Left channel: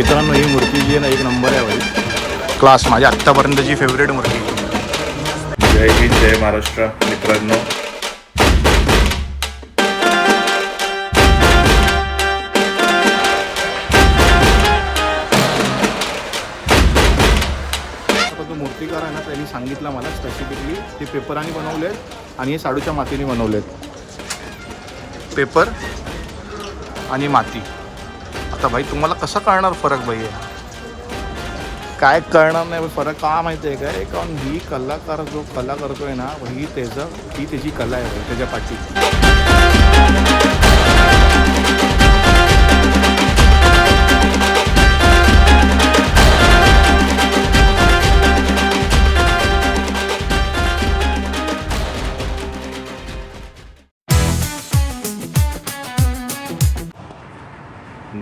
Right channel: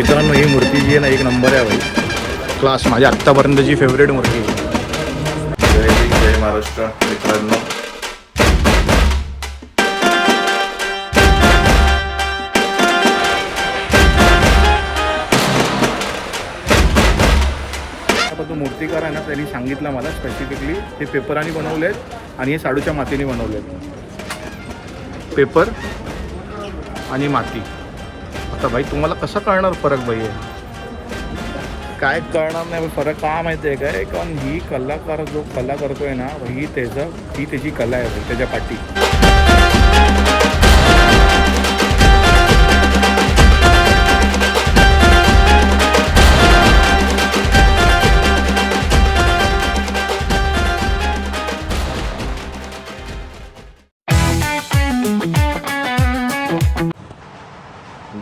मित्रांनो ही मूर्ती जी आहे ना एक नंबर आहे भाई, क्लास. माझी आत्तापर्यंतची फेवरेट मूर्ती आहे. जय हिंद जय महाराष्ट्र मित्रांनो. आता तो मूर्तिकार आहे ना त्यांनी सांगितलं मला स्पेसिफिकली ते पेपराने बनवलेत आणि हे शाडूच्या मातीने बनवलेत. पेपर आणि माती. आता भाई तुम्हाला कसं कळणार फरक भाई आहे? काय कळणार नाही फरक का माहिती आहे काय? कारण ही कलाकार जो कला करतोय ना ही त्याची कला आहे भाई, त्याच्या पाठी.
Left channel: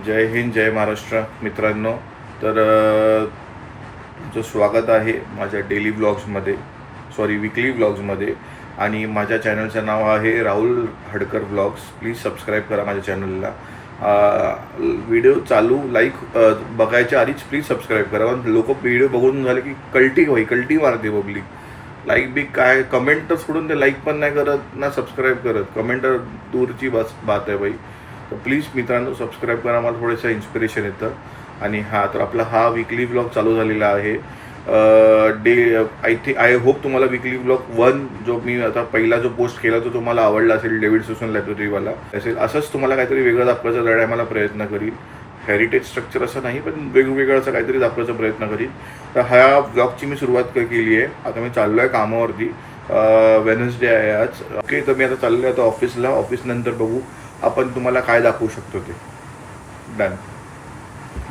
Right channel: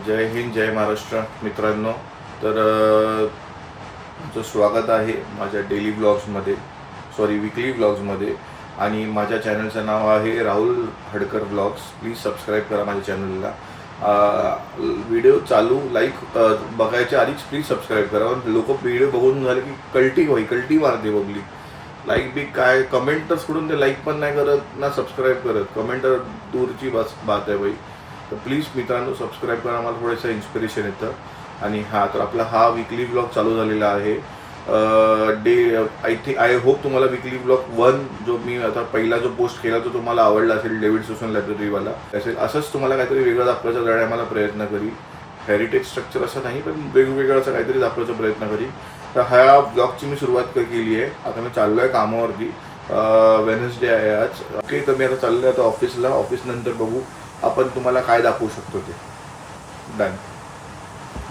जय हिंद जय महाराष्ट्र मित्रांनो. तर तुमचं स्वागत आहे माझ्या डेली ब्लॉग्समध्ये, विकली ब्लॉग्समध्ये. आणि माझ्या चॅनलचं नाव आहे Rahul Hadkar blogs. Please subscribe करा माझ्या चॅनलला. व्हिडिओ चालू बघायच्या आधीच प्लीज सबस्क्राईब करा. पण लोक व्हिडिओ बघून झाले की कल्टी मारते पब्लिक. लाईक बी काय, कमेंट तर सोडून ते लाईक पण नाही करत ना सबस्क्राईब करत. कमेंट दूरची बात आहे बाई. तर प्लीज मित्रांनो सबस्क्राईब करा, मला थोडंसं इन्स्पिरेशन येतं. आणि तर आपला विकली ब्लॉग चालू झालेला आहे. आय होप तुम्हाला विकली ब्लॉग 1 जो मी आता पहिला जो पोस्ट केला तो तुम्हाला आवडला असेल. डेव्हिड सुसन लायब्ररीवाला असेल. असंच तुम्हाला काहीतरी वेगळं दाखवायचा मला प्रयत्न करील. हेरिटेज स्ट्रक्चर असं नाही पण वेगवेगळं असं काहीतरी दाखवायचा प्रयत्न करील. तर ह्या ब्लॉगची मी सुरुवात केली आहे. आता मी चाललो आहे कामावरती. वेनसडे आहे आज. ओके, तर मी आता चाललो आहे आता ऑफिसला. ऑफिसनंतर बघू आपण तुम्हाला काय दाखवू शकतो ते. डन,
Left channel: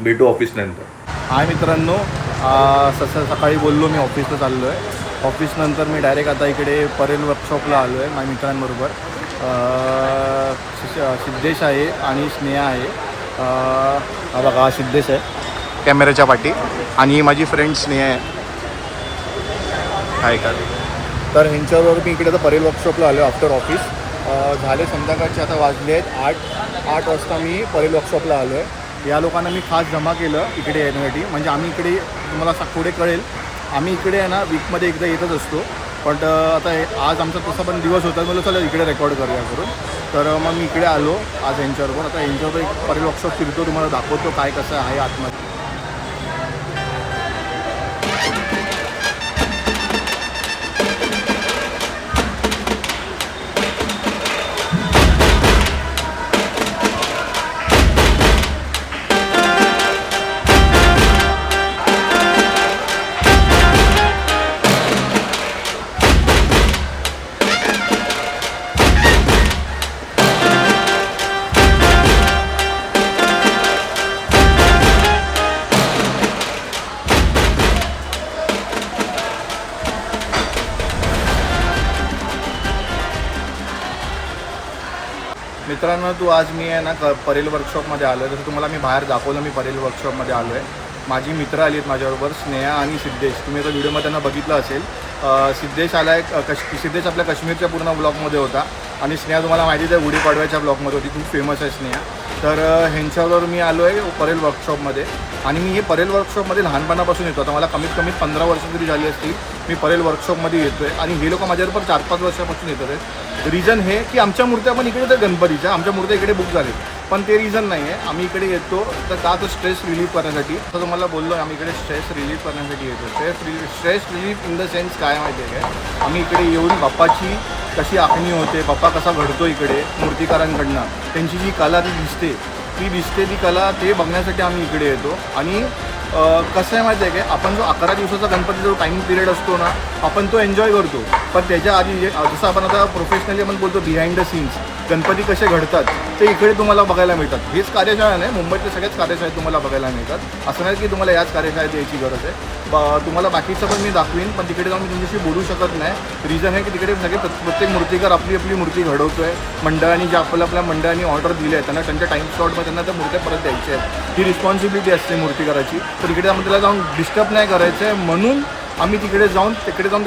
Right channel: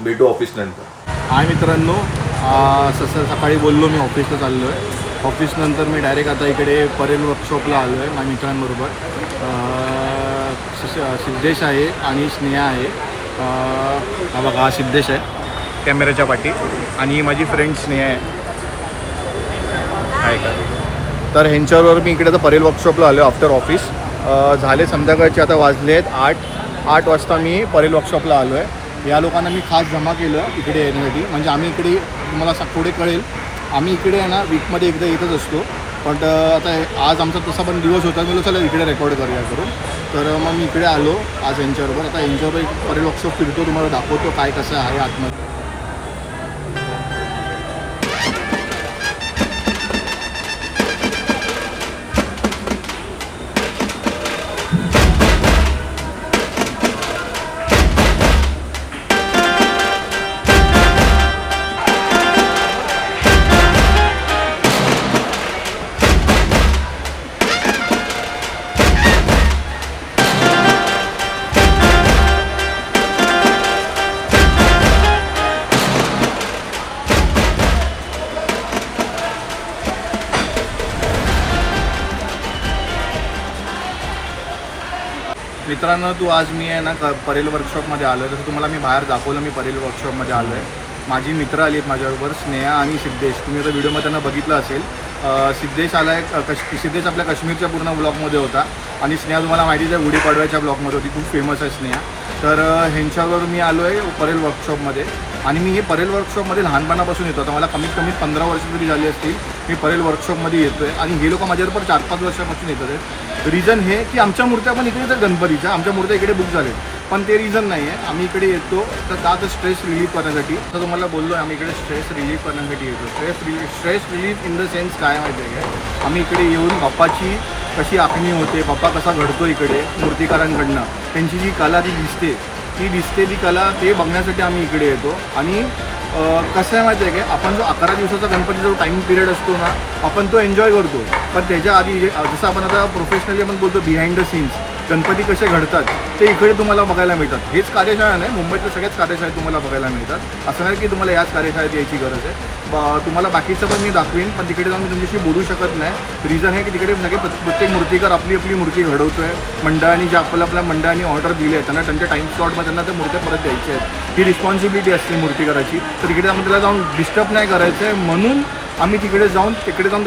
भेटू ऑफिस नंतर. हाय मित्रांनो, सकाळी बोललो मी ऑफिसला चाललो आहे. ऑफिसनंतर मी डायरेक्ट आता इकडे परेल वर्कशॉपला आलो आहे माझ्या मित्रांबरोबर. सिद्धेश आहे आणि स्नेहा आहे. हा बघा, हा सिद्धेश आहे कॅमेऱ्याच्या पाठी आणि ही माझी फ्रेंड स्नेहा आहे. काय तर ह्यांच्याबरोबर मी इकडे आता परेल वर्कशॉपला आलो आहे आफ्टर ऑफिस. झाले संध्याकाळचे आता वाजले आहेत 8 वाजता मी परेल वर्कशॉपला आलो आहे. या लोकांना मी खास जमा केलं इकडे येण्यासाठी. म्हणजे आम्ही इकडे तुम्हाला पुढे कळेल आम्ही इकडे आहे ना वीकमध्ये एकदा येतच असतो. पण आता आज आमचा तसा पण दिवस होता. मला चला इकडे रेकॉर्ड करूया करून. तर मग मी इकडे आलो आज यांच्याबरोबर. आता यांच्याबरोबर एक परेल वर्कशॉप फिरतो, तुम्हाला दाखवतो काय कसं आहे आतमध्ये. मित्रांनो, आज मी आहे ना परेल वर्कशॉपमध्ये आलो आहे. जसं तुम्हाला मी बाहेर दाखवलं मी परेल वर्कशॉपमध्ये आलो आहे. माझी मित्र आली आहेत माझ्याबरोबर, स्नेहा आणि सिद्धेश. तुम्ही आता व्हिडिओमध्ये त्यांना बघितलं असेल. सिद्धेश आला आहे. सिद्धेश आपल्या काश्मीरच्या पूर्ण ब्लॉगमध्ये होता आणि स्नेहा तुम्हाला माहितीच आहे गुढीपाडव्याच्या ब्लॉगमध्ये होती. खूप फेमस आहे स्नेहा. तर ह्यांच्याबरोबर मी आलो आहे परेल वर्कशॉपमध्ये. आणि मी हे परेल वर्कशॉपमध्ये लहानपणापासून येतो. आता मला कमीत कमी 15 वर्ष तरी झाली असतील मी परेल वर्कशॉपमध्ये येतो आहे. आणि हे लोक माझ्याबरोबर 4-5 वर्षापासून येतात आहेत. रिझन हे की आमच्या मूर्त्या पण इकडे तर गणपतीच्या आमच्या मूर्त्या इकडे बुक झाली. पण ते रिझन नाही आहे. आम्ही इकडे येतो तर का तर स्ट्रेस रिलीफ करण्यासाठी. तर तुम्हाला बोललो आहे आम्ही इकडे स्ट्रेस रिलीफ करण्यासाठी येतो. Stress relief in the sense काय माहिती आहे काय? आम्ही इकडे येऊन बाप्पाची कशी आखणी होते, बाप्पा कसा घडतो इकडे मूर्तिकारांकडनं, त्यांची जी कला ती कला ते बघण्यासाठी आम्ही इकडे येतो. आणि कसं आहे माहिती आहे काय, आपण जो 11 दिवसाचा गणपती जो टाईम पिरियड असतो ना आपण तो एन्जॉय करतो. पण त्याच्या आधी जसं आपण आता प्रोफेशनली आपण बोलतो बिहाइंड द सीन्स गणपती कसे घडतात ते इकडे तुम्हाला बघायला मिळतात. हेच कार्यशाळा नाही, मुंबईतल्या सगळ्याच कार्यशाळेत तुम्हाला बघायला मिळतात. असं नाही की तुम्हाला याच कार्यशाळेत यायची गरज आहे. तुम्हाला बाकीचं पण मी दाखवीन, पण तिकडे जाऊन मी तुमच्याशी बोलू शकत नाही. रिझन आहे की तिकडे सगळे प्रत्येक मूर्तिकार आपली मूर्ती घडवतो आहे. मंडळांनी जे आपल्या मंडळांनी ऑर्डर दिले आहेत त्यांना त्यांच्या टाईम स्लॉटमध्ये त्यांना त्या मूर्त्या परत द्यायच्या आहेत. ही रिस्पॉन्सिबिलिटी असते मूर्तिकाराची. तर तिकडे आपण त्याला जाऊन डिस्टर्ब नाही करायचं आहे म्हणून आम्ही तिकडे जाऊन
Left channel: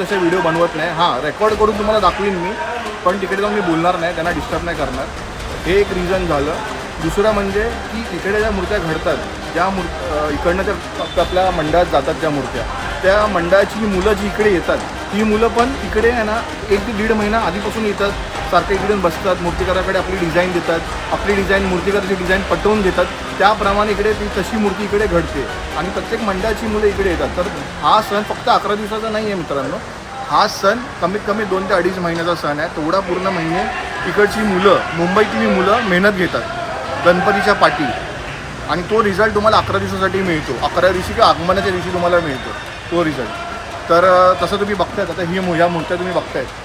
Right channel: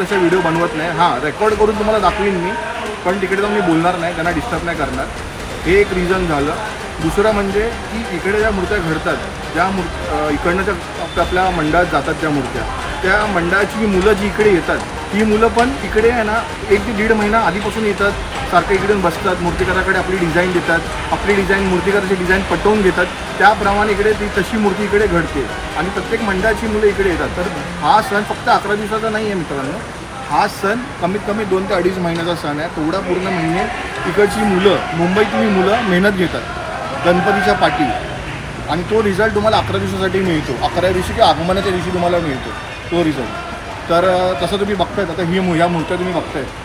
तसे व्हिडिओ बनवत नाही. हां, रेकॉर्ड करून तुम्हाला दाखवीन मी, पण तिकडे जाऊन मी बोलणार नाही, त्यांना डिस्टर्ब नाही करणार. हे एक रिझन झालं. दुसरं म्हणजे की इकडे ज्या मूर्त्या घडतात, ज्या इकडनं ज्या आपल्या मंडळात जातात त्या मूर्त्या, त्या मंडळाची मुलं जी इकडे येतात, ही मुलं पण इकडे आहे ना 1 ते 1.5 महिना आधीपासून येतात, सारखे इकडून बसतात, मूर्तिकाराकडे आपली डिझाईन देतात, आपली डिझाईन मूर्तिकाराची डिझाईन पटवून घेतात, त्याप्रमाणे इकडे ती तशी मूर्ती इकडे घडते आणि प्रत्येक मंडळाची मुलं इकडे येतात. तर हा सण फक्त 11 दिवसाचा नाही आहे मित्रांनो, हा सण कमीत कमी 2 ते 2.5 महिन्याचा सण आहे. तेवढा पूर्ण महिने इकडची मुलं, मुंबईतली मुलं मेहनत घेतात गणपतीच्या पाठी आणि तो रिझल्ट तुम्हाला 11 दिवसासाठी मिळतो. 11 दिवशी किंवा आगमनाच्या दिवशी तुम्हाला मिळतो तो रिझल्ट. तर तसं तुम्ही बघतायत, आता ह्या मूर्त्या तुम्ही बघतायत.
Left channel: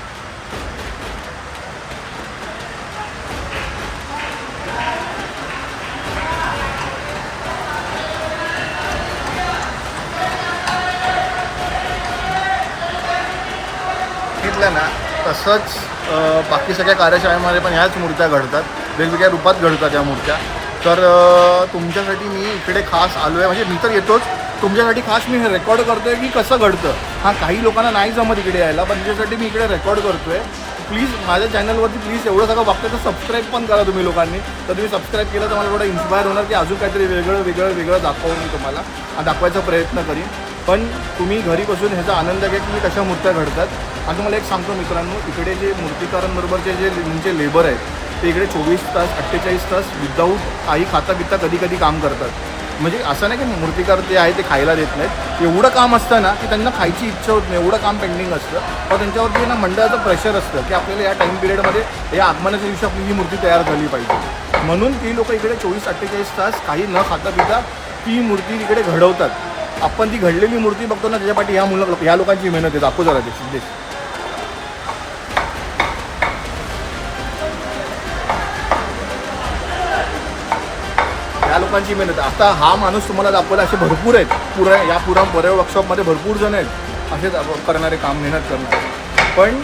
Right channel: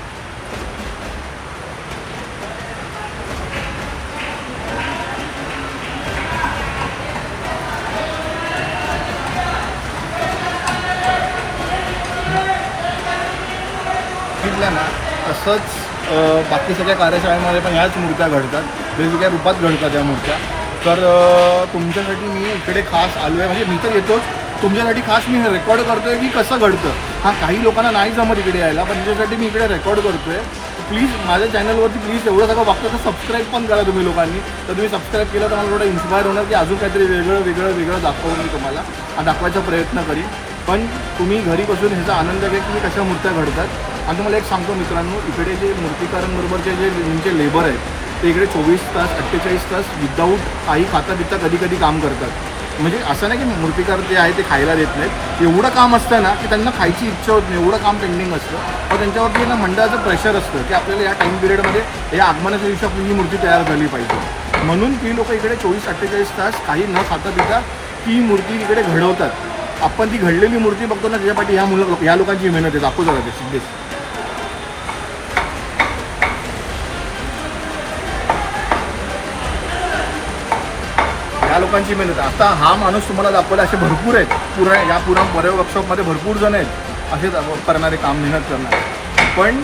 ना तसंच बाकी सगळ्या कार्यशाळेमध्ये पण ह्याच मूर्त्या घडतात, वेगवेगळ्या रूपात घडतात या मूर्त्या. तर तुमच्यासाठी मी इकडे खास आलो आहे, म्हणजे मी तर येतोच, तुमच्यासाठी खास मी हे रेकॉर्ड करतो आहे की कसं घडतं. हां, काही लोकांना नाही जमत इकडे यायला, पण त्याच्यासाठी मी इकडे रेकॉर्ड करतो आहे. प्लीज माझ्या चॅनलवरती प्लीज एवढं सगळं बघता तर सबस्क्राईब पण करा तुम्ही लोकांनी. तर तुम्ही सबस्क्राईब केलं तर मला थोडं इन्स्पायर होणार की अजून काहीतरी वेगळं दाखवून मी तुम्हाला दाखवायचा प्रयत्न करीन. पण तुम्ही घरी बसून ह्याचा आनंद घ्या की कशा मूर्त्या घडतात. आणि तुम्हाला एक सांगतो मित्रांनो, इकडे जे मूर्तिकारांबरोबरचे जे तुमचे लेबर आहेत ते इकडे 24 तास 48 तास विदाऊट काही खाता बिता कधी काम करतात. म्हणजे असं नाही की मूर्तिकार जे आहे ते खायला देत नाहीत, एवढं काम असतं ना की त्यांना खायची इच्छा होत नाही, एवढं काम पेंडिंग असतं. पण त्यांच्यावरती ना मंडळाचं प्रेशर असतं की आपल्याला या टाईम पिरियडमध्ये या आगमनाच्या दिवशी आपली ही मूर्ती तयार झाली पाहिजे. म्हणून ती लोक इकडे 24-48 तास काही न खाता पिता ती मूर्ती इकडे घडवतात. आपण ती घडलेली मूर्ती बघतो ना, त्याच्यापाठी ह्या लोकांची मेहनत आहे. दाखवतो जरा ते सिद्धेश. ह्या लोकांची मेहनत. आता हा माणूस तुम्हाला दाखवला, असे भरपूर आहेत या परळ वर्कशॉपमध्ये भरपूर जण आहेत असेच करणारे, काम मेहनत करणारे. पण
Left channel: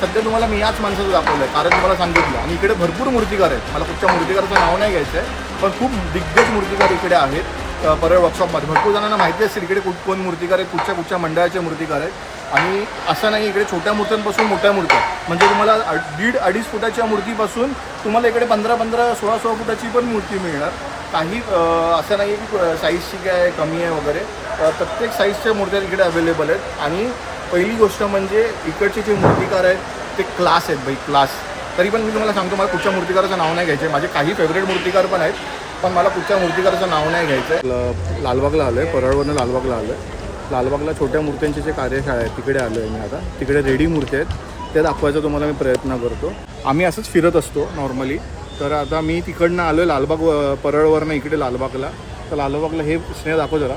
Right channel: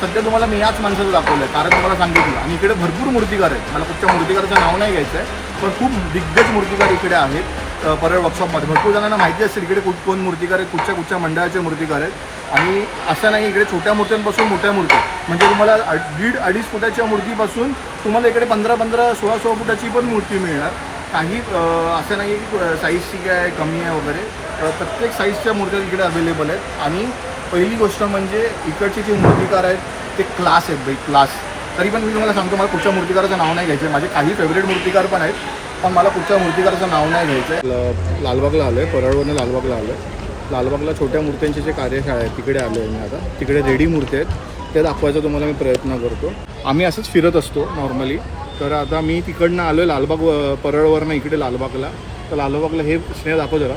सध्या तुम्हाला मी याच माणसाचं दाखवलं कारण तुम्हाला सांगितलं. आणि इकडे भरपूर मूर्तिकार आहेत, मला कुठच्या मूर्तिकाराचं नाव नाही घ्यायचं आहे, पण खूप दिग्गज मूर्तिकार इकडे आहेत परळ वर्कशॉपमध्ये. भरपूर जणांना माहिती असेल इकडे कोण मूर्तिकार आहेत, कुठच्या मंडळाचे मूर्तिकार आहेत. आणि असं नाही, इकडे छोट्या मूर्त्यांपासून मोठ्या मूर्त्या, म्हणजे तुम्हाला 1.5-2.5 फुटाच्या मूर्तीपासून तुम्हाला इकडे 15-15, 16-16 फुटाची पण मूर्ती मिळणार. काही असं नाही की साईजची काय कमी आहे वगैरे, प्रत्येक साईजच्या मूर्त्या इकडे अवेलेबल आहेत. आणि पहिली गोष्ट म्हणजे इकडचे जे मूर्तिकार आहेत ते क्लास आहेत भाई, क्लास. तरी पण मी तुम्हाला सांगतो, मला कुठच्या मूर्तिकाराचं नाव नाही घ्यायचं आहे. माझे काही फेवरेट मूर्तिकार पण आहेत, पण मला कुठच्या मूर्तिकाराचं नाव नाही घ्यायचं आहे. लालबागला आलो आहे, परळवरनं लालबागला आलो आहे. लालबागला छोट्या मूर्त्यांचे जे कार्यशाळा आहे तिकडे आलो आहे मी. आता तिकडे रेडी मूर्ती आहेत, ते दाखवायचा तुम्हाला मी प्रयत्न करतो. आम्ही असंच फिरत असतो नॉर्मली. तर आता मी तिकडनं आलो आहे लालबाग, परळवरनं इकडे लालबागला. तर लालबागला हे स्नेह दाखव जरा.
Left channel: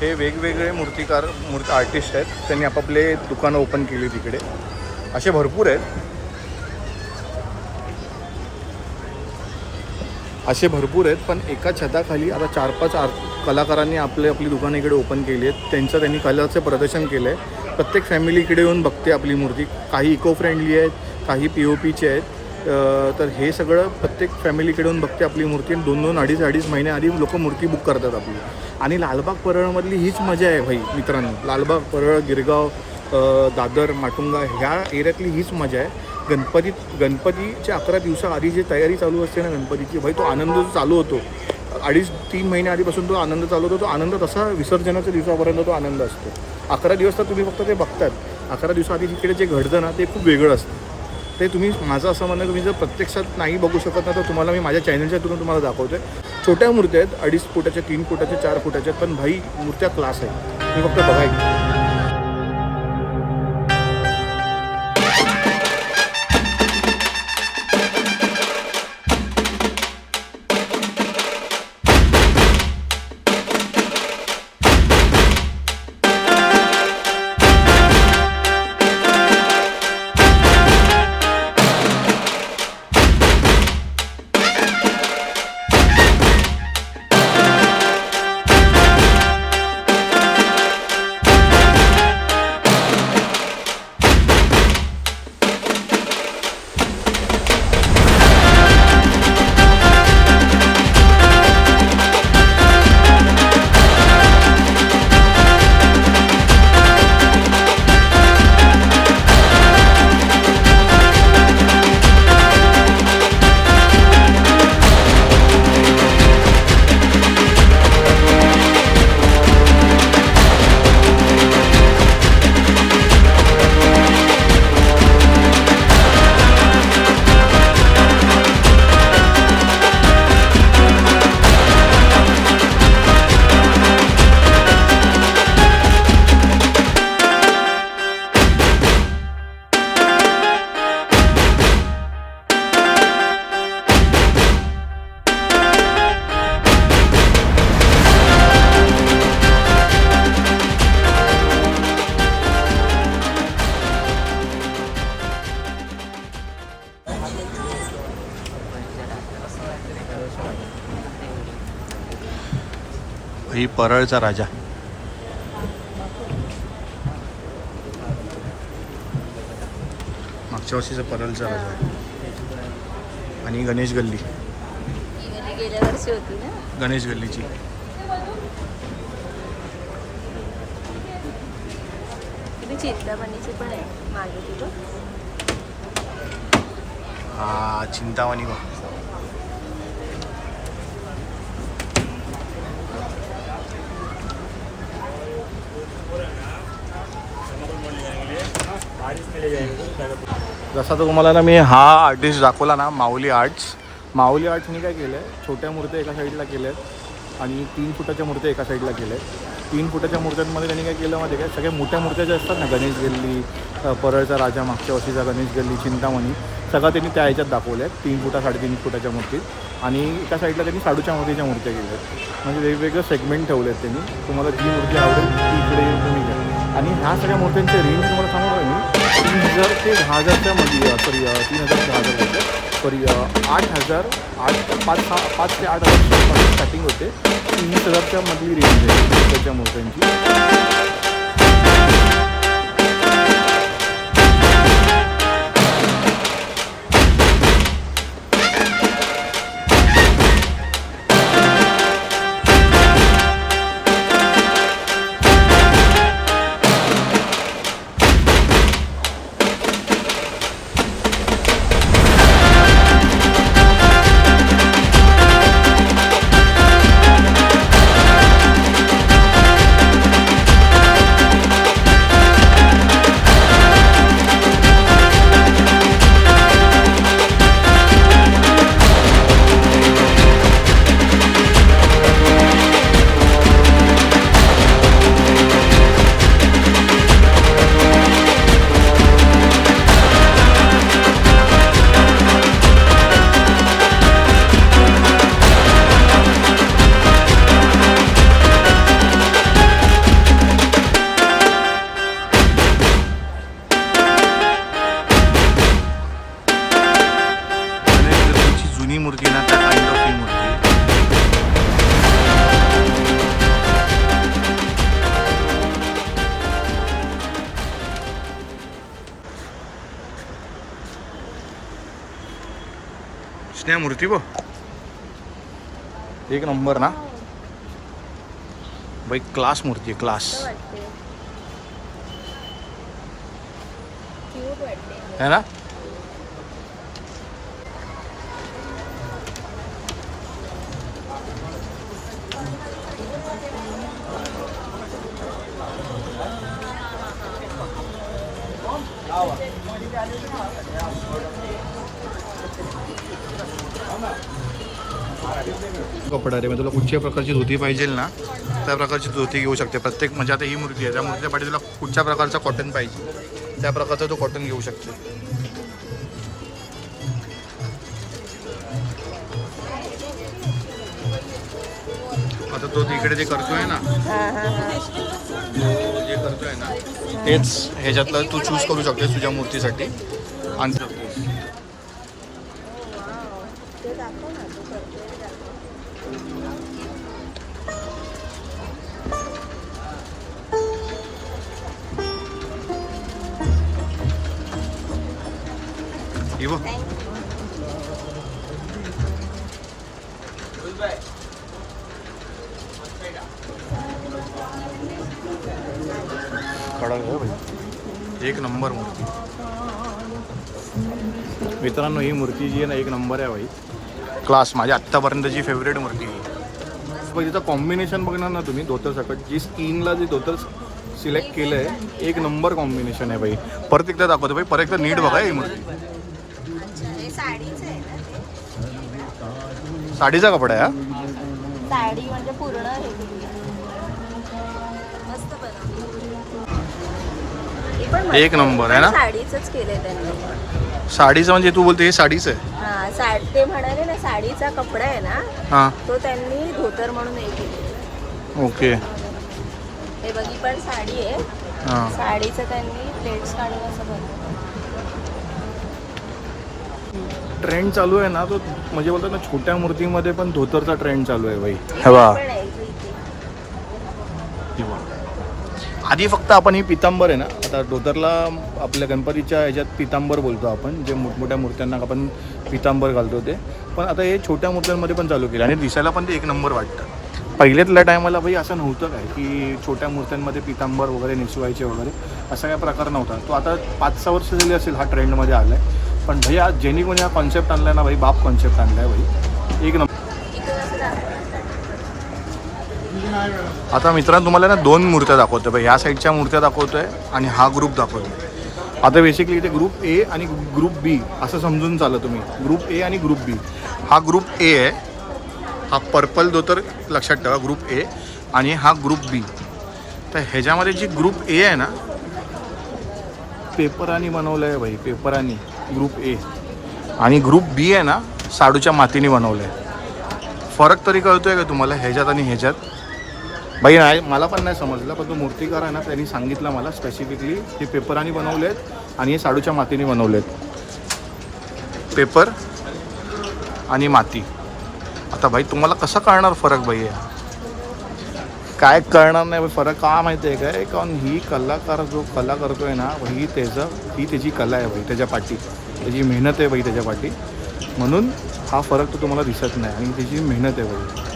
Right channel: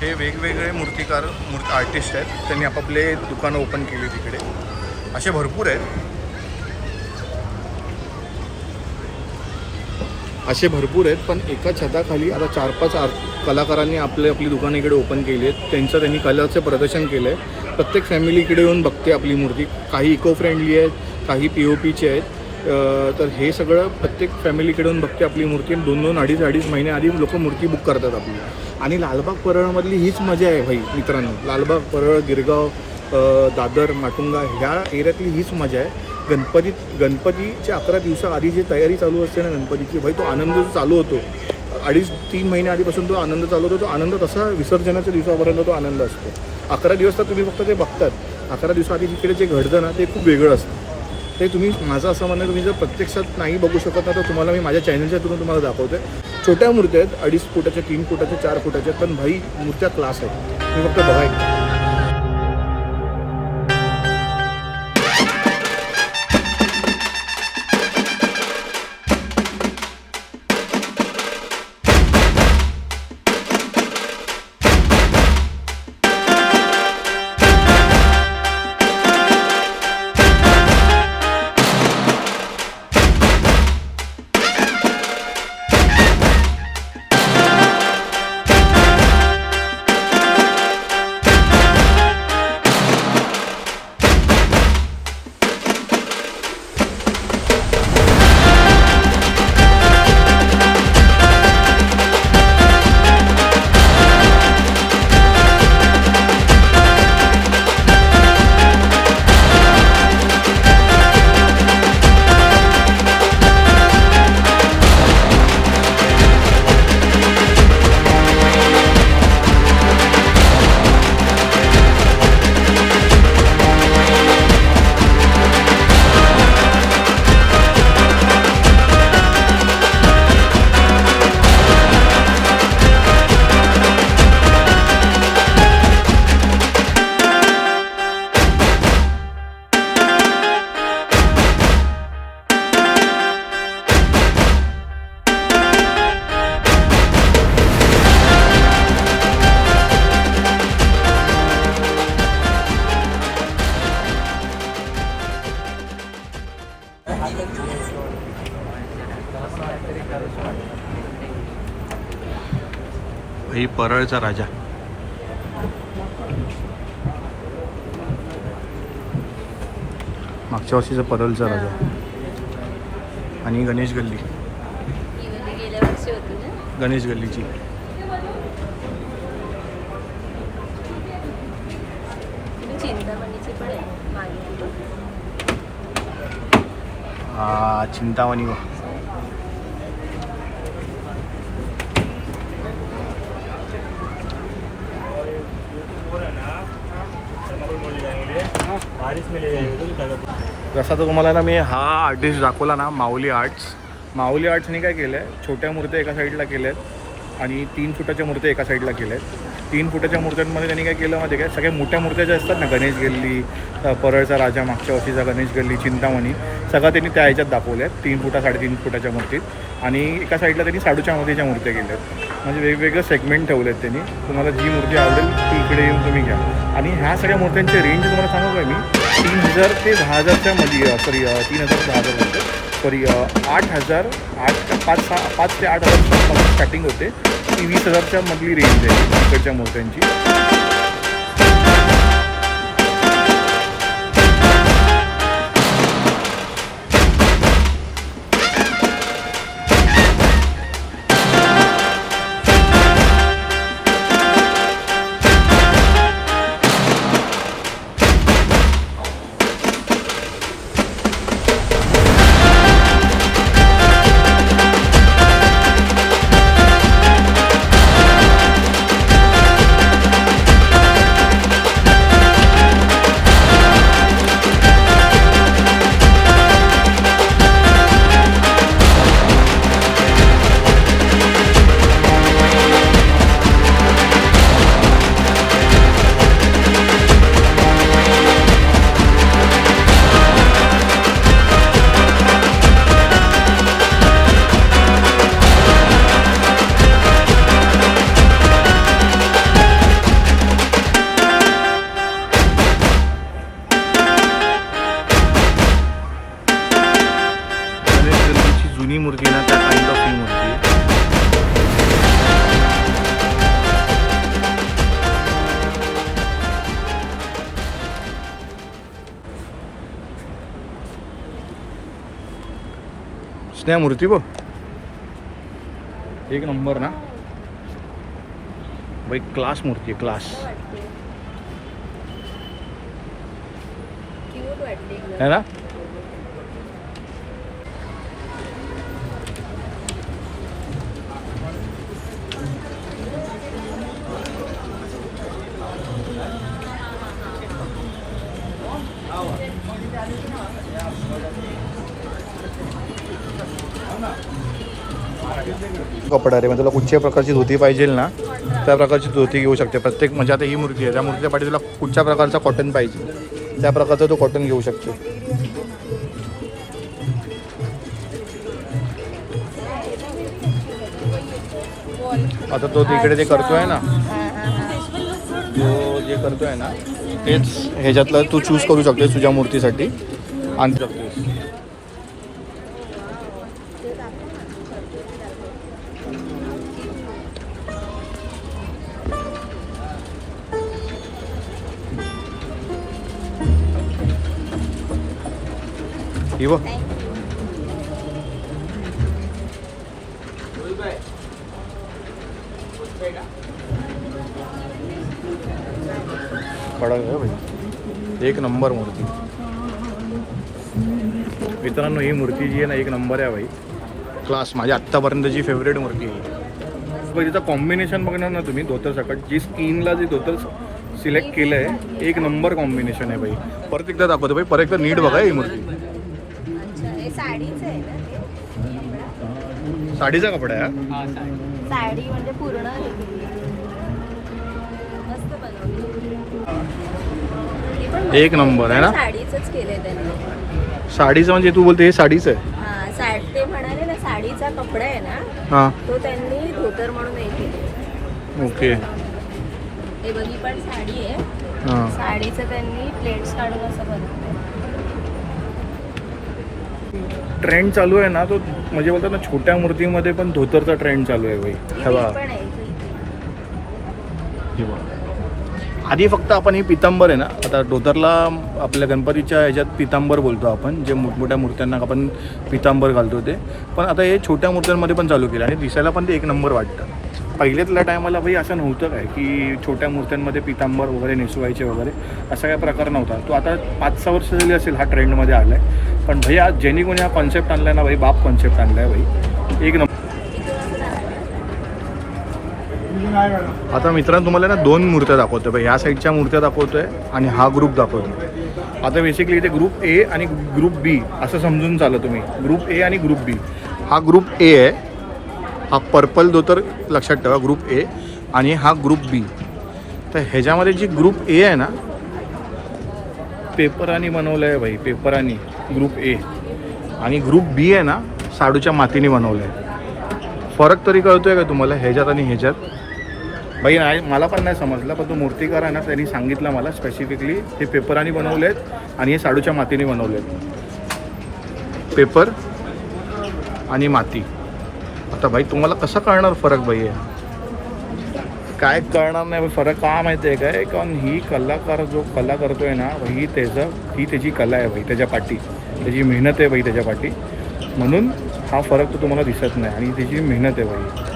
हे वेगवेगळे मूर्तिकार आर्टिस्ट आहेत, त्यांनी आपापले दुकानं ओपन केली तिकडे. असे भरपूर आहेत, पण एका छताखाली आता 4-5 कलाकारांनी आपली दुकानं इकडे ओपन केली आहेत. त्यांनी कलाचं प्रदर्शन केलं आहे. प्रत्येक फॅमिली इकडे येऊन बघते आपली मूर्ती. काही इको फ्रेंडली आहेत, काही POPचे आहेत. तर हे सगळं प्रत्येक फॅमिलीकडे येऊन बघते आपली मूर्ती. 2-2, 2.5 महिने आधी लोक मूर्ती बुक करतात आपली. आणि लालबाग परळमधली हीच मजा आहे भाई मित्रांनो. लालबाग, परळ, गिरगाव, दादर, माटुंगा ह्या एरियातली हीच मजा आहे. गणपतीच्या 11 दिवसाआधी जी तयारी चालू असते ना गणपतीची, भाई तो आनंद जो चालू होतो 2.5-3 महिने आधीपासून तो आनंद चालू होतो. तो आनंद तसा विसर्जनाच्या दिवसापर्यंत तो आनंद असतो. 11 दिवस तर तुम्ही फक्त ते बघतात. 11 दिवसाआधी तिकडे जे घडतं ना ते खूप वेगळं असतं. ते तुम्ही, माझं असं म्हणणं, तुम्ही जर प्रत्यक्षात नाही बघू शकत ना तर तुम्हाला मी माझ्या चॅनलच्या थ्रू तुम्हाला दाखवतो आहे. छोट्या मूर्त्या आहेत, 2.5 फुटाच्या, 3 फुटाच्या, 4 फुटाच्या, पण भाई मूर्त्या क्लास आहेत. तुम्ही फक्त बघायचं. ही परळचा राजा. मागच्या वर्षीचा परळचा राजा आणि गणेश गल्ली, गणेश गल्लीची. हा चिंतामणी वा. जसा तर तुम्हाला ना मी हा आर्टिस्ट दाखवला ना, माऊली आर्ट्स. माऊली आर्ट्सने काय केलं आहे, छोट्या मूर्त्या एका साईडला केल्या आहेत आणि 3 फुटाच्या मूर्त्या एका साईडला केल्या आहेत. 3 फुटाच्या मूर्त्यांमध्ये त्यांनी काय केलं माहिती आहे काय, सगळ्या मोठ्या मूर्त्या ज्या असतात ना, गणेश गल्ली, परळचा राजा, मागच्या वर्षीचा गणेश गल्ली, चिंतामणी, सगळं त्यांनी त्या ह्याच्यात दाखवल्या आहेत. 3 फुटा 3.5 फुटाच्या मूर्तीत. आणि एका साईडला त्यांनी शाडूच्या मूर्तीच्या मूर्त्या केल्या आहेत. म्हणजे वेगवेगळे सेगमेंट ठेवले आहेत त्यांनी. तुम्हाला जी मूर्ती आवडेल ती इकडे येऊन तुम्ही घ्या. आणि ह्या सगळ्या मूर्त्यांचे रेंज तुम्हाला सांगू का मी, 3000 ते 10,000च्या मध्ये, सॉरी 3000 ते 10,000 होते, सॉरी 8,000, 5 ते 8,000 स्टार्टिंग होते. ती 20,000च्या मधली रेंज आहे इकडच्या मूर्त्यांची. जुनी मूर्ती ना, त्या काइंड ऑफ ही मूर्ती. स्नेहा मूर्ती बो एक नंबर ना भाई, क्लास मूर्ती आहे, क्लास है ना. कपडा रे, म्हणजे तुला कुठच्याही प्रकारची धोती पाहिजे ना, त्या प्रकारची धोती घेऊ शकते प्रत्येक. म्हणजे आता ही मूर्ती आहे, त्या मूर्तीच्या पाठी तुला कुठच्या प्रकारचा कॉटन पाहिजे त्या प्रकारचा तो कॉटन घेऊ शकते. आता तो तिकडे जे करतोय ना, तो जे करतोय ना तेच ह्याच्यातलं तू चूज करू शकतेस तुझ्या मूर्तीसाठी आणू शकतेस. Ivo. कडक आहे भाई, एक नंबर मूर्ती. मित्रांनो ही मूर्ती जी आहे ना, एक नंबर आहे भाई, क्लास. माझी आत्तापर्यंतची फेवरेट मूर्ती आहे. बघ तिचं कॉम्बिनेशन बघणार ना तुम्ही, धोतर सकट जी स्किनला जे धोतर सिलेक्ट केलं आहे, एक नंबर कॉम्बिनेशन आहे भाई. परत एकदा दाखवतो भाई, परत एकदा नीट बघा ही मूर्ती. साडीचा कपडा आहे हा, साडी म्हणजे पूर्ण मस्त बनवली. एक नंबर आहे ना. साडीचंच केलंय त्यांनी. साडीचं म्हणजे तू बोलते हे साडीचं आहे. हा, ते म्हणाले ना साडीचा कपडा आहे ना, हां तो त्यांनी धोतर म्हणून हे केले. ओके. हे बघी पण साडी आहे. हां साडीचं त्यांनी प्लेट्स काढून असं बनवलं. ट्रेंड चालू आहे ना, तो म्हणजे बोलतात ना छोट्या मूर्तीमध्ये पण धोतरचा ट्रेंड चालू आहे भाई. हे हवा पण आहे. हे बघा. आधी फक्त आपण ही पितांबर आहे ना, आता धोतरला आपल्या गणपतीच्या ह्याच्यात पितांबर बोलतो आपण, जे मोठमोठ्या मूर्त्यांना आपण पितांबर घालतो ते, पण आता हे छोट्या मूर्त्यांमध्ये पण चालू केलं आणि दिसायला पण ते एक नंबर वाटतं. पहिल्यातल्या टायमाला भाई असं नव्हतं काय की छोट्या मूर्त्यांमध्ये पितांबर वगैरे नेसवायचे वगैरे, असा काय प्रकार नव्हता. तो आता 5-6 वर्ष झाली असेल हा ट्रेंडमध्ये आला आहे. पण भाई आज ज्यांनी कोणी हा कॉन्सेप्ट आणला ना भाई, बाप कॉन्सेप्ट आणला आहे भाई, एक नंबर. आता मित्रांनो तुम्हाला ना 2 मूर्त्या दाखवतो भाई. ह्या साईडच्या मूर्त्या दाखवतोय आणि हा ग्रुप दाखवतोय. आता बेसिकली इथे ग्रुप ए आणि ग्रुप बी असं समजून चाललं तुम्ही. ग्रुप ए आणि ग्रुप बी. हा ग्रुप ए आहे, हा पर्पल धोतर लक्षात ठेवा, ग्रुप ए, आणि हा ग्रुप बी. तर ह्याच्यामध्ये जी ग्रुप ए आहे ना, पेपरानी बनवलं आहे भाई, पेपरानी ग्रुप ए, आणि ग्रुप बी आहे ना साडूच्या मातीने बनवलं आहे. फरक तरी कळतोय का तुम्हाला ह्याच्यात आणि ह्याच्यात? भाई नाही, मला पण नाही समजलं, पण तो मूर्तिकार आहे ना त्यांनी सांगितलं मला स्पेसिफिकली हे पेपरानी बनवले आहेत आणि हे साडूच्या मातीने बनवले आहेत. पेपर आणि माती. आता भाई तुम्हाला कसं कळणार फरक भाई? काय कळणार नाही फरक, का माहिती आहे काय? कारण ही कलाकार जो कला करतोय ना, ही त्याची कला आहे भाई, त्याच्या पाठी त्याची मेहनत आहे भाई, त्याच्या पाठी. म्हणून हा फरक तो तुम्हाला दिसत नाही आणि त्याची मेहनत आहे भाई.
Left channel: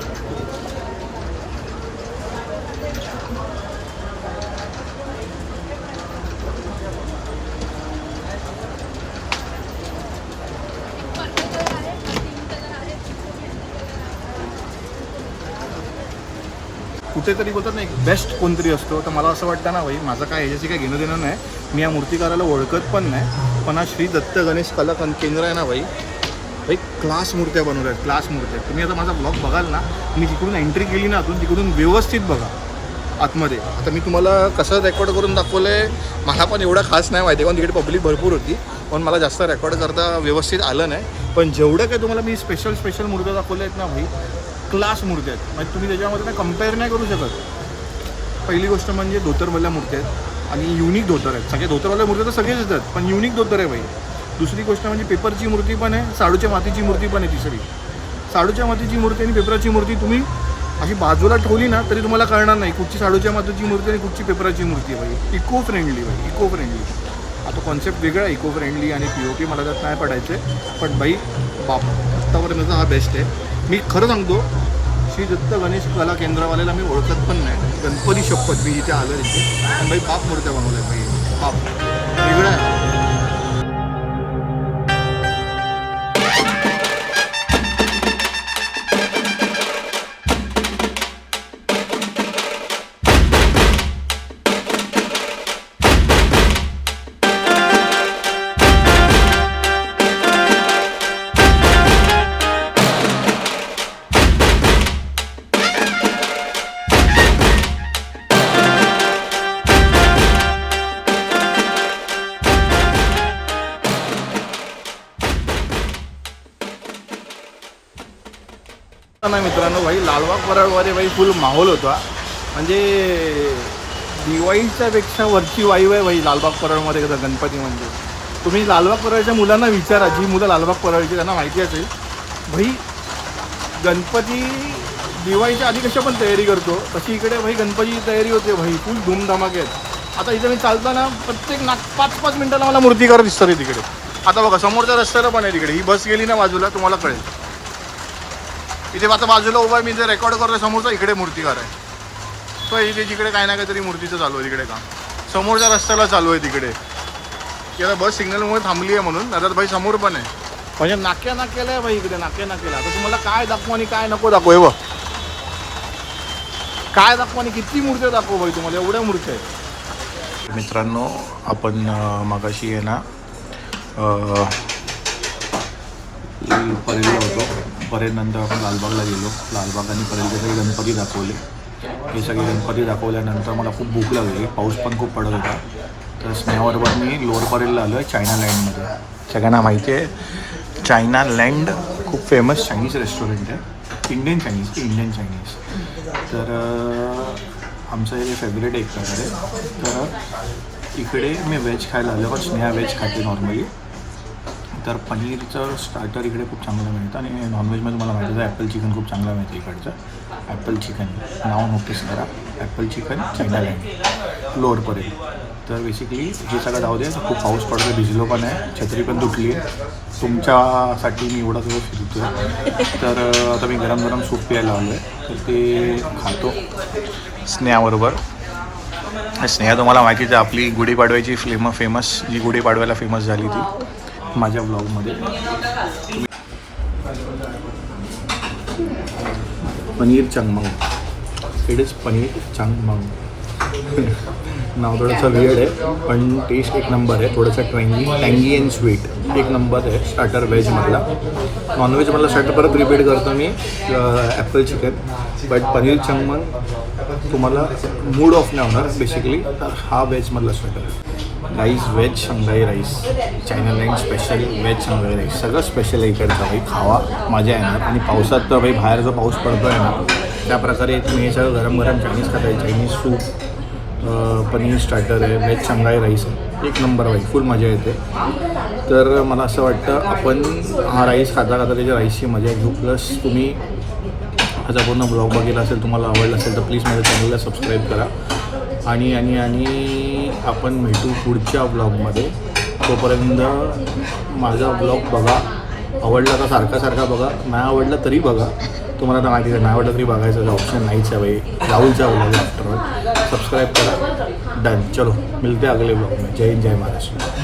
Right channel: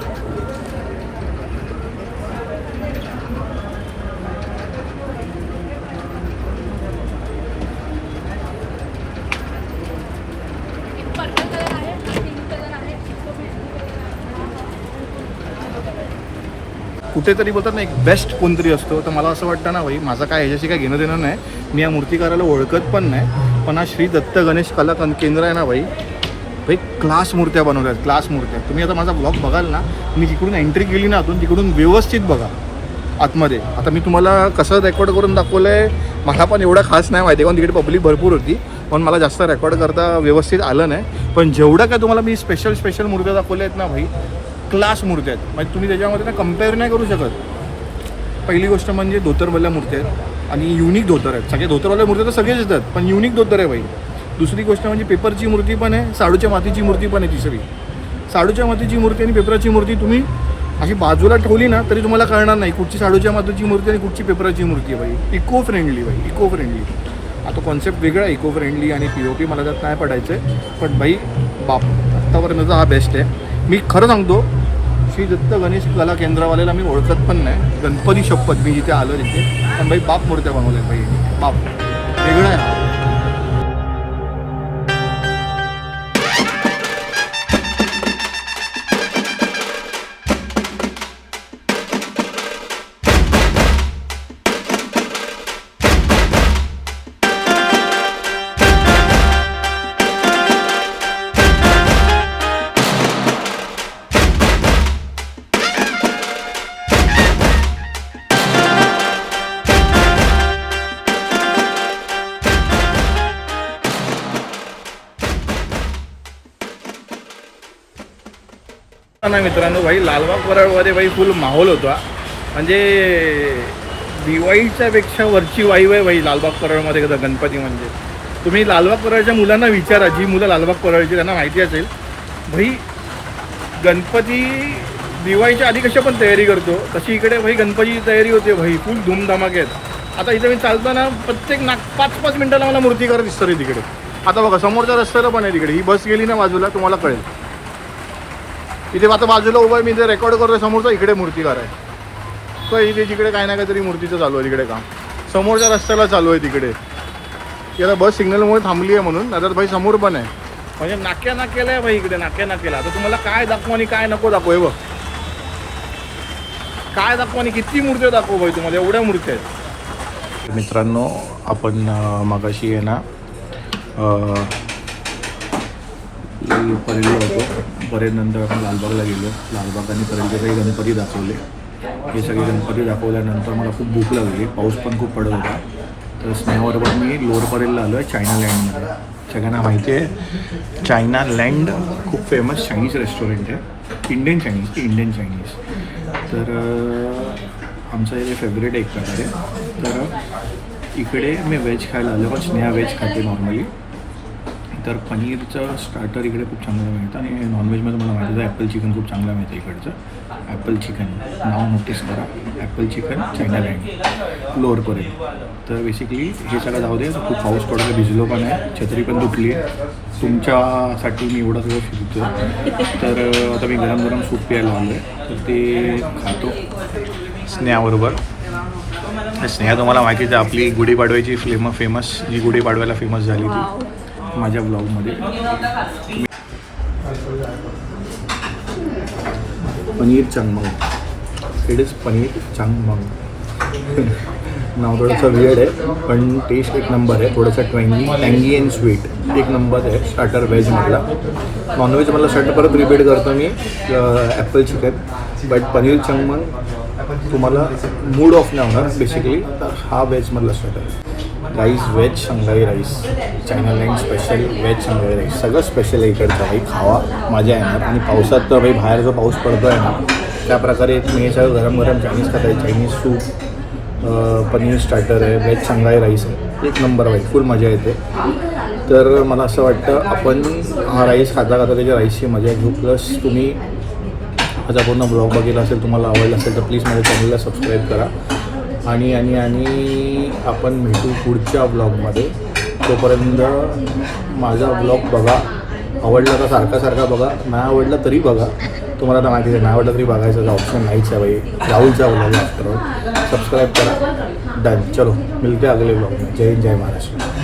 कुठेतरी बोलतात ना एक बेस्ट कोणतरी असतो, तर मला असं वाटतं ना भाई, माझं काय ह्याच्याशी काय घेणं देणं नाही, मी या मूर्तिकाराला ओळखत पण नाही, पण हा श्री दत्त गणेश कला केंद्र आहे ना भाई, भाई क्लास मूर्त्या बनवल्या आहेत, क्लास मूर्त्या. तुम्ही आता माझा ब्लॉग बघाल ना, मी तिकडून एंट्री केली ना तिकडून व्यवस्थित बघा आतमध्ये. आता मी तुम्हाला कसं रेकॉर्ड करून दाखवलं आहे, मला पण एवढं खास नाही माहिती, कारण तिकडे पब्लिक भरपूर होती, पण मला जास्त रेकॉर्ड करता व्यवस्थित आलं नाही. पण जेवढं काय तुम्हाला मी स्पेशल मूर्त्या दाखवल्या आहेत ना भाई, क्लास मूर्त्या आहेत. म्हणजे तुम्ही त्याच्यामध्ये ना कम्पेअर नाही करू शकत. पहिली गोष्ट म्हणजे धोतरवाल्या मूर्त्या आहेत आणि युनिक धोतर आहेत. सगळे धोतरवाल्या मूर्त्या तर सगळेच येतात, पण युनिक धोतर आहे भाई. दुसरी गोष्ट म्हणजे पेपरची मूर्ती पण आहे, साडूच्या मातीची मूर्ती पण आहे. तिसरी साडूच्या मातीची मूर्ती आणि पेपराची मूर्ती तुम्ही अशी बाजूला ठेवली ना तरी तुम्हाला कळणार नाही कुठची साडूच्या मातीची मूर्ती आणि कुठची पेपराची मूर्ती आहे भाई. इको फ्रेंडली भाई, इको फ्रेंडली. आता कॉन्सेप्ट वेगळा आहे, इको फ्रेंडली आणि POP मला त्यात नाही पडायचं आहे, पण भाई बाप आत्तापर्यंतचा हा बेस्ट आहे. मी खरं सांगतो, श्री दत्त गणेश कला केंद्रवाल्याला मी ओळखत पण नाही, गणपती शपथ मी जिथे आलो तिथे, पण भाई बाप मूर्त्या बनवल्या भाई, बाप वेगळं आहे. नाही मित्रांनो भाई, लालबाग परळमध्ये भाई फुल माहोल होता. म्हणजे दिवाळीच्या पेक्षा वरची वाईव आहे भाई लालबाग परळमध्ये गणपती. म्हणजे तुम्ही लालबाग परळच्या मुलांना विचारा, जी मुलं लालबाग परळची त्यांना माहिती असेल भाई, गणपती दिवाळीच्या आधी कशा पण तयारी करतो तशी इकडे भाई गणपतीची तयारी होते भाई, फुल धूमधमाक्यात. आता इथे मी चालताना प्रत्येक 5-5 मिनिटाला मला मूर्तिकार दिसतात तिकडे. आता बघा समोरच्या रस्त्याला पण आहे तिकडे, ही बस गेली ना बाजूला तुम्हाला कळेल. इथे आता बाजूला उभा आहे, मी जे रेकॉर्ड करतोय समोरचा इकडे मूर्तिकार आहे, तो इथे जिकडे काय ना काहीतरी मूर्तीचं चालू आहे तिकडे काम, समोरच्या रस्त्याला चालू आहे तिकडे. की आता बस सिग्नलमुळे थांबली आहे म्हणून. आता भाई समोर पण आहे, म्हणजे नाक्याला आहे भाई इकडे, नाक्याला. आता तुम्हाला काय दाखवू आणि काय नको दाखवू, हे बघ काय दाखवू आणि किती मूर्त्या दाखवू भाई तुम्हाला, एवढ्या मूर्त्या आहेत. मित्रांनो आपण मगाशी आहे ना परेलला होतो, परेलनंतर आपण लालबागला गेलो, लालबाग आणि परेलचे काही गणपती दाखवले. हे सगळे गणपती दाखवल्यानंतर मला खूप भूक लागली, पाऊस पण खूप पडत होता, तर स्नेहाबरोबर मी लोअर परेलला आलो आहे, चायना लँडमध्ये. सगळ्यांना माहिती आहे चायना लँड खूप फेमस चायनीज रेस्टॉरंट आहे, इंडियन चायनीज. तर आमचं हे फेवरेट एक प्रकारे. तर इकडे मी व्हेज खायला आलो, पण स्नेहा व्हेज खाते नॉर्मली. तर पनीरचं स्टार्टर इकडे खूप चांगलं मिळतं आणि नॉनव्हेजमध्ये मला माहिती आहे ॲपल चिकन खूप चांगलं मिळतं इकडचं. ॲपल चिकन, नाव नोटीस करा, ॲपल चिकन चायना लँड लोअरपर्यंत. तर बेसिकली हे सगळं जाऊ दे. खूप पाऊस पडतो, भिजलो पण आहे, छत्री पण तुटली आहे. तुमच्यासाठी मी एवढा सगळं फिरतो आहे. तर आता मी गरम गरम सूप प्यायला आलो आहे, तर ते खातो स्नेहाबरोबर. स्नेहा तुम्हाला माहितीच आहे, आपली गुढीपाडव्याची फेमस जी गुढीपाडव्याला फेमस झाली ती माझ्या ब्लॉगमध्ये. पनीर चंगमंग, इट इज पनीर चंगमंग. नाव थोडंसं वियर्ड आहे, पण टेस्ट एक नंबर आहे. थोडंसं टँगी अँड स्वीट एक नंबर आहे. स्टार्टर व्हेजमधला. नॉनव्हेजमधला स्टार्टर परत रिपीट करतो मी, ॲपल चिकन. बट पनीर चंगमंग तुम्हाला मूड ऑफ नाही होणार बेसिकली. तर हा व्हेजमधला starter. Rice veg Shanghai rice, China land special veg Shanghai rice. सगळं स्पेशल आहे इकडचं भाई, खावा मजा येणार. आणि पावसात तर भाई बाहेर जो पाऊस पडतो आहे ना, त्या प्रकारे तुम्ही हे सगळं गरम गरम चायनीज खाता आहे. चायनीज सूप, पनीर स्टार्टर आहे, व्हेज शंघाई राईस आहे, एक नंबर भाई, फुल मजा येते. तर मला असं वाटतं आपण हा राईस खाता खाता त्याच्या राईसची मजा घेऊ. प्लस तुम्ही माझा पूर्ण ब्लॉग बघितला असेल, तुम्हाला आवडला असेल तर प्लीज माझ्या चॅनलला सबस्क्राईब करा. आणि आणि आणि आपण भेटू पुढच्या ब्लॉगमध्ये. तोपर्यंत माझा ब्लॉग बघा, आवडला तर सारखा बघा, नाही आवडला तरी बघा. तुम्हाला तर माहिती आहे, नाही आवडलं तरी बघायचं ऑप्शन नाहीच आहे भाई. राहुलचा ब्लॉग आफ्टर. सब्सक्राइब करा. डन. चलो मिलते हैं अगले ब्लॉग में. जय हिंद, जय महाराष्ट्र.